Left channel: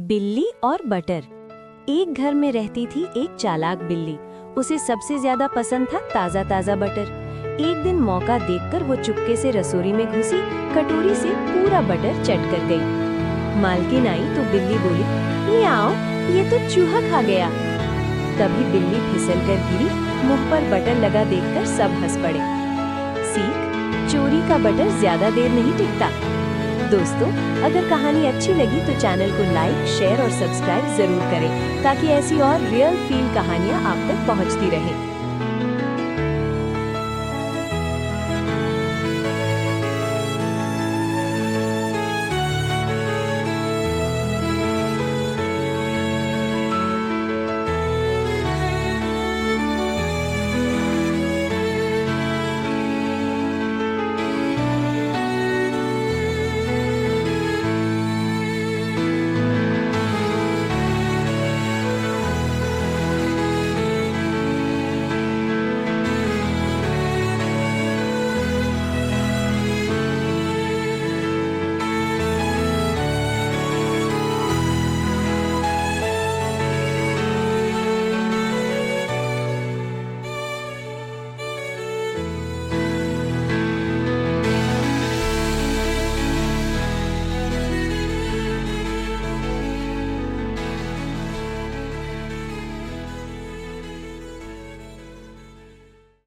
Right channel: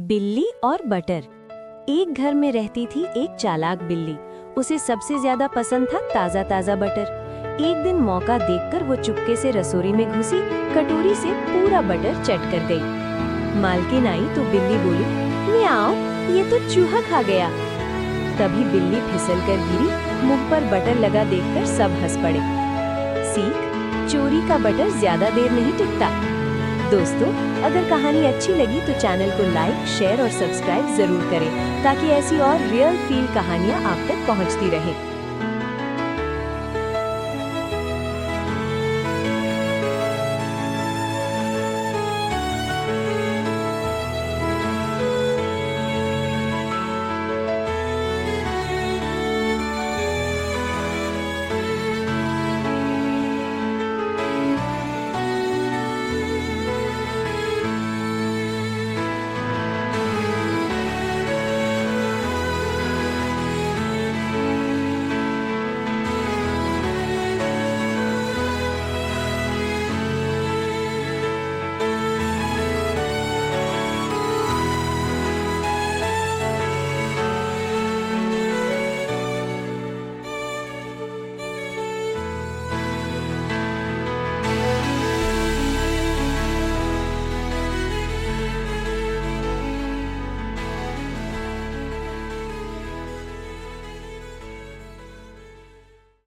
बिल्ली और बटर। एक घर में रहती थी एक चालाक बिल्ली। उसे सबसे ज्यादा पसंद था ताजा ताजा बटर। एक दिन मौका देखकर वो चुपके से रसोई में घुसी, कटोरी से पूरा बटर चट कर गई। मालकिन आई तो बिल्ली बोली, म्याऊ, ये तो चूहा खा गया। तभी बिल्ली फिसल कर गिरी। मुंह पर बटर लगा देखकर सब हंस पड़े। सीख: चोरी का बटर ज्यादा देर नहीं टिकता। दोस्तों, अगर कहानी अच्छी लगी तो चैनल को लाइक, शेयर और सब्सक्राइब जरूर करें ताकि ऐसी और रियल फील कहानियां आप तक पहुंचती रहें।